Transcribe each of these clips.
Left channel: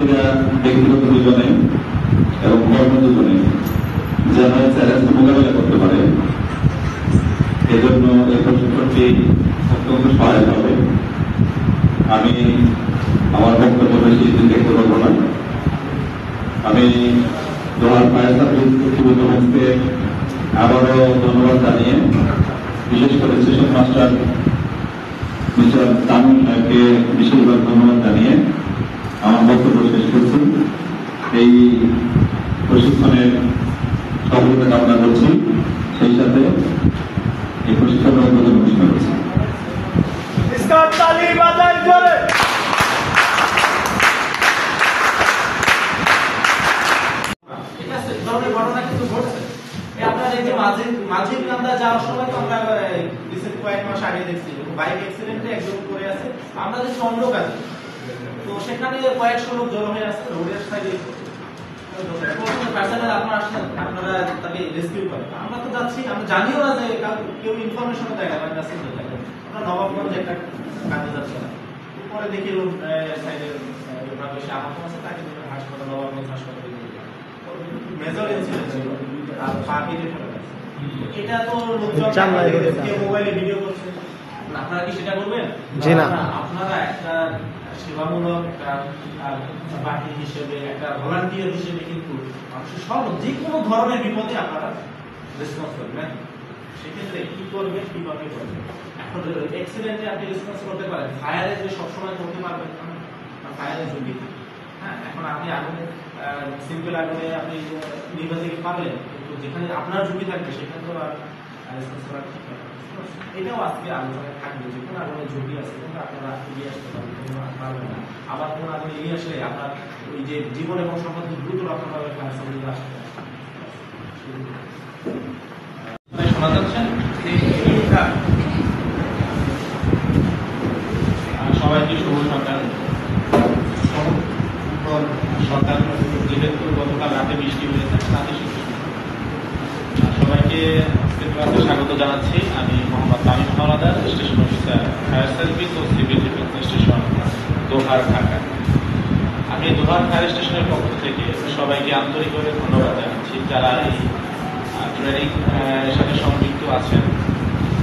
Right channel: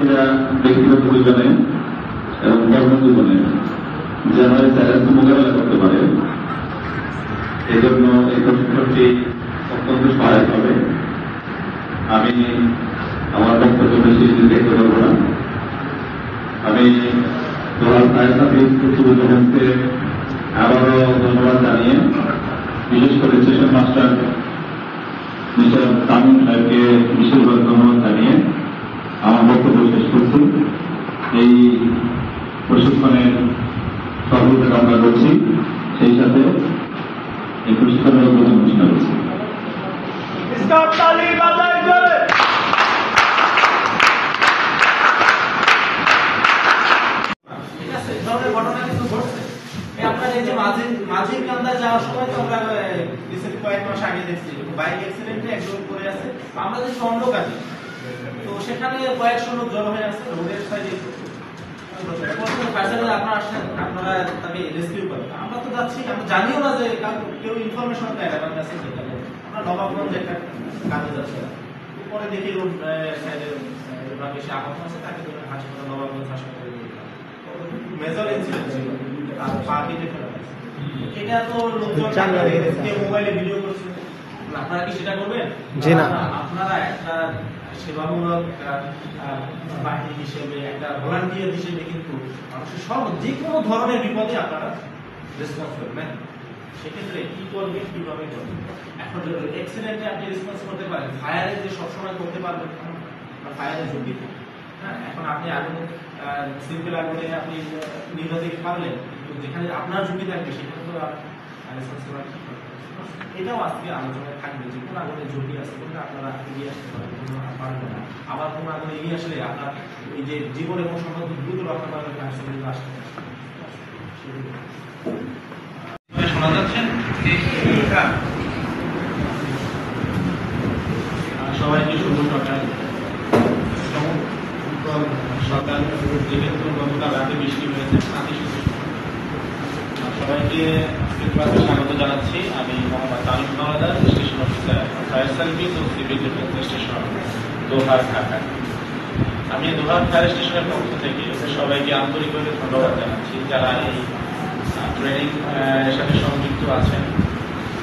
ব্যক্তিগত জীবনে এবং কর্মজীবনে যেন চ্যালেঞ্জ মোকাবেলা করতে পারে, এজন্য এই প্রশিক্ষণটি অত্যন্ত সহায়ক হবে। আমি আমার বক্তব্য বেশি দীর্ঘায়িত করব না। আমি দোহার ফায়ার সার্ভিস কর্তৃপক্ষকে আবারও ধন্যবাদ জানিয়ে, বিশেষ করে স্টেশন মাস্টার মিস্টার তামিম সাহেবকে বিশেষভাবে ধন্যবাদ জানিয়ে আমার বক্তব্য শেষ করছি। এই প্রশিক্ষণের সফলতা কামনা করছি, সেই সাথে এই প্রশিক্ষণের উদ্বোধন ঘোষণা করছি। ঘটনা কিন্তু ঘটছে। আপনার এই যে মাঝির কান্দা যাওয়ার সময় তো আমরা কয়েক মাস আগে দেখছি বাইক অ্যাক্সিডেন্টে একজন করে আছে। আমরা যে চন্দ্রকালী, তো সেখানে কয়েকশো লোক জড়ো হয়ে আছে রোডের সাইডে। আপনারা তাকে রেস্কিউ করেন, আমরা তো যাচ্ছি, আমরা জানিও না যে কেউ ইনফরমেশন দেয় না। আমরা নবাবগঞ্জ একটা কাজে যাচ্ছি, পরে দেখি রোড সাইডে বেশি আহত আছে, তাকে হাসপাতাল নবাবগঞ্জ হাসপাতালে মেজর ইনসিডেন্ট ছিল। আর পা কেটে ফেলা গেছে। এটা তো মোবাইলে ভিডিও করছে, আপনারা কি সেটা করবেন? জি না। আপনারা একটা সেবামূলক একটা বাহিনী হিসেবে, একটা ভলান্টিয়ার হিসেবে কিন্তু মানুষের সব যে কোনো ধরনের বিপদে আপনারা রেসপন্স করবেন। সেক্ষেত্রে কি করবেন, কিভাবে করবেন? এখন অ্যাক্সিডেন্টে আপনি রেসপন্স করতে পারেন, ফায়ারে যে সবসময় করতে পারবেন না, ফায়ারের ঝুঁকি থাকে। হ্যাঁ, এখন আপনি আগুনে সিম্পল আগুনে আপনি নির্বাচন পারলেন, কিন্তু যেখানে আপনার ঝুঁকি থাকবে সেখানে তো রেসপন্স করা ঠিক হবে। এটাও আজকে আলোচনায় থাকবে যে কোন আগুনের ঝুঁকি আছে, কিন্তু আপনারা এগিয়ে আসতে পারবেন না। আবার কোন আগুনে এগিয়ে আসলে আপনার ওই যে জীবন এবং সম্পদ দ্রুত রক্ষা করার কার্যক্রম আসতে শোনা যাচ্ছেন। সবাইকে শুভ সকাল। সরকার যেহেতু গতকাল রাতে বৃষ্টি হয়েছে, সবাইকে স্বাগত জানাচ্ছি। আমি Mohammad Tamim Howlader, station officer, fire service ও civil defence station, Dohar, Dhaka. আমি দোহার ফায়ার স্টেশনের পক্ষ থেকে সবাইকে আন্তরিকভাবে ধন্যবাদ জানাচ্ছি যারা এই ট্রেনিং এর সাথে সংযুক্ত আছেন,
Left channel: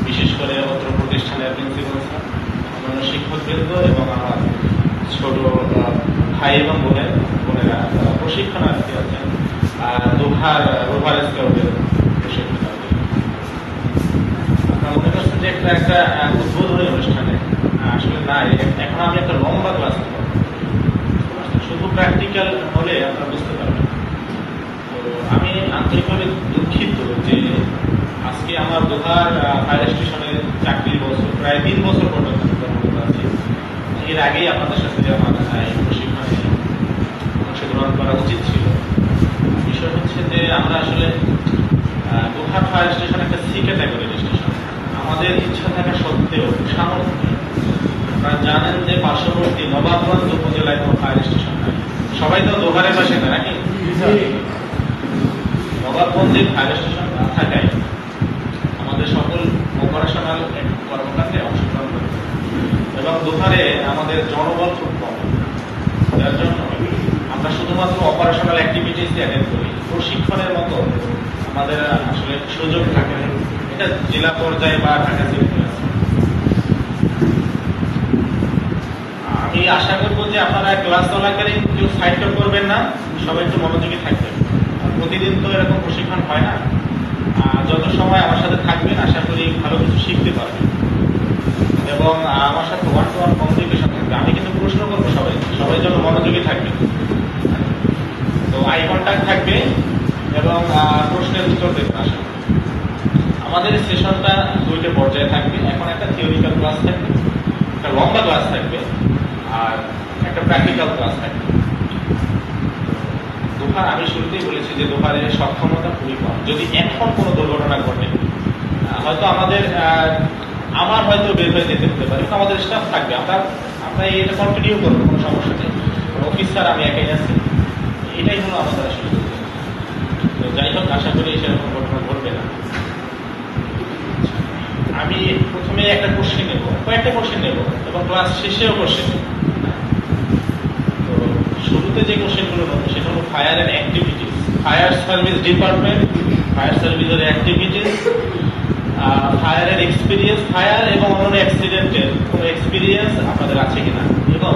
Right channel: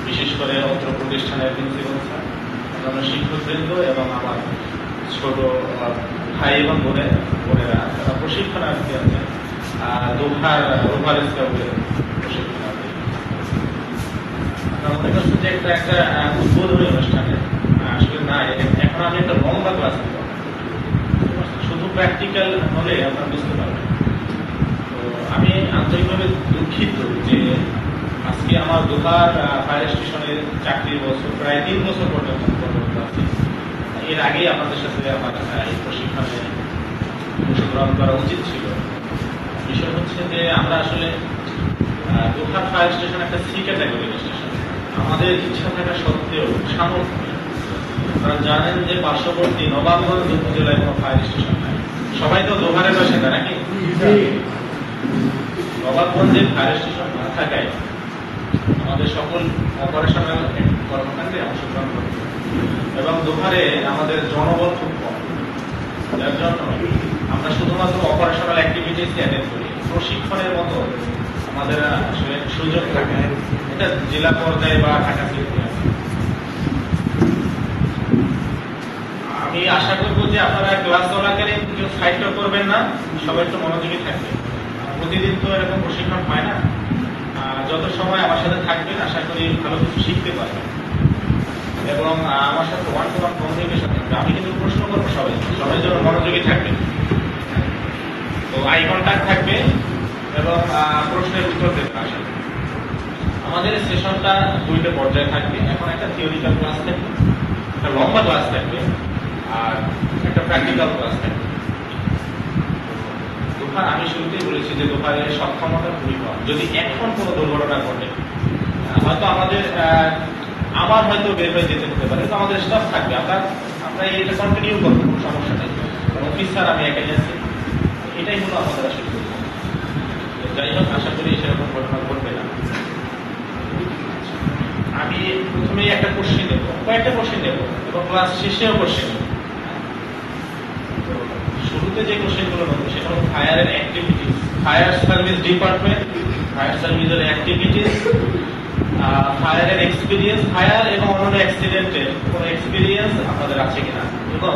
বিশেষ করে অত্র প্রতিষ্ঠানের প্রিন্সিপাল, অন্যান্য শিক্ষকবৃন্দ এবং আমার ছোট ভাই এবং বোনেরা প্রশিক্ষণার্থী আছেন দোহার স্কাউটের প্রশিক্ষণার্থী। ওদের কাছে যে একটা উদ্বোধনী অনুষ্ঠানে আসলে না, এখন আমি একটা লম্বা ক্লাস শুধু প্র্যাকটিক্যাল হলে আপনারা বুঝতে পারবেন। তো আমি আন্তরিকভাবে দুঃখিত যে আজকে আমার দোহার ফায়ার স্টেশনের চাকরির বছর প্রায় 3 বছর পর্যন্ত আছে। এর আগেই আমাদের সাথে আমার এই প্রশিক্ষণে অংশগ্রহণ করা উচিত ছিল। বিষয় হচ্ছে যে আমরা আসলে দোহার ফায়ার স্টেশন একটা সি ক্যাটাগরির স্টেশন। আমাদের ইচ্ছা থাকা সত্ত্বেও সামর্থ্য, আপনারা জানেন যে পার্শ্ববর্তী নবাবগঞ্জ উপজেলায় কোনো ফায়ার স্টেশন, সবাই তো দোহারের বাসিন্দা নাকি? নবাবগঞ্জের ফায়ার স্টেশন না থাকায় আমাদের সকল অপারেশনাল কর্মকাণ্ডে অংশগ্রহণ করেছে এবং দোহারে আমাদের জনবল খুব কম। যার জন্য আমরা শুধুমাত্র অপারেশনাল অ্যাক্টিভিটিস অ্যাটেন্ড করি, প্রশিক্ষণের মতো আমাদের আসলে সুযোগ থাকে না। এটা জেলা পর্যায়ে বা ঢাকা সিটিতে আছে। আমি আশা করবো যে আপনারা ক্লাস চলাকালীন কেউ সাহায্য করবেন না, সবাই একটু মনোযোগী থাকবে। প্রতিদিন তো এরকম প্রশিক্ষণ হয় না। যত সময় আমার সাথে থাকবেন আশা করি ভালো কিছু শিখতে পারবেন এবং আমার সাথে ওয়ান টু ওয়ান কমিউনিকেশন থাকবে। আমি কিন্তু প্রশ্ন করবো, সবাই যেন মনোযোগী থাকবে। তো আই কন্ট্যাক্ট থাকবে এবং প্রশ্নের উত্তর দেবে। আমাদের এই সেশনটা 2টা পর্যায়ে থাকবে। এখন একটা থিওরিক্যাল ক্লাস থাকবে, একটা লম্বা ক্লাস থাকবে, আর একটা প্র্যাকটিক্যাল ক্লাস থাকবে। দোহার আমি শুরুতেই বলেছি যে দোহারের সক্ষমতা খুবই কম। যদি এখন কোনো দুর্ঘটনা ঘটে, হয়তো আমার হয়তো বের হয়ে যেতে হতে পারে, আমাদের স্টাফ থাকবে, আমরা এটা কন্টিনিউ করবো, কোনো সমস্যা নেই। অফিসার আমি একাই আছি, এটাই হলো আমাদের আসলে। যাই হোক, আশা করি সেরকম ঘটনা ঘটবে না। আমি প্রথমে একটা কোশ্চেন নেব, কয়েকটা কোশ্চেন নেব এবং ক্লাস শেষেও কোশ্চেন। তো শুরুতে শুরুতে যে কোশ্চেনগুলো বলবো সেটা হলো fire and activities, fire service department, fire সার্ভিসের অ্যাক্টিভিটিস, ফায়ারের এক্সপিরিয়েন্স, ফায়ার এবং অন্যান্য অ্যাক্সিডেন্টের কোনো এক্সপিরিয়েন্স আপনাদের আছে কিনা, এবং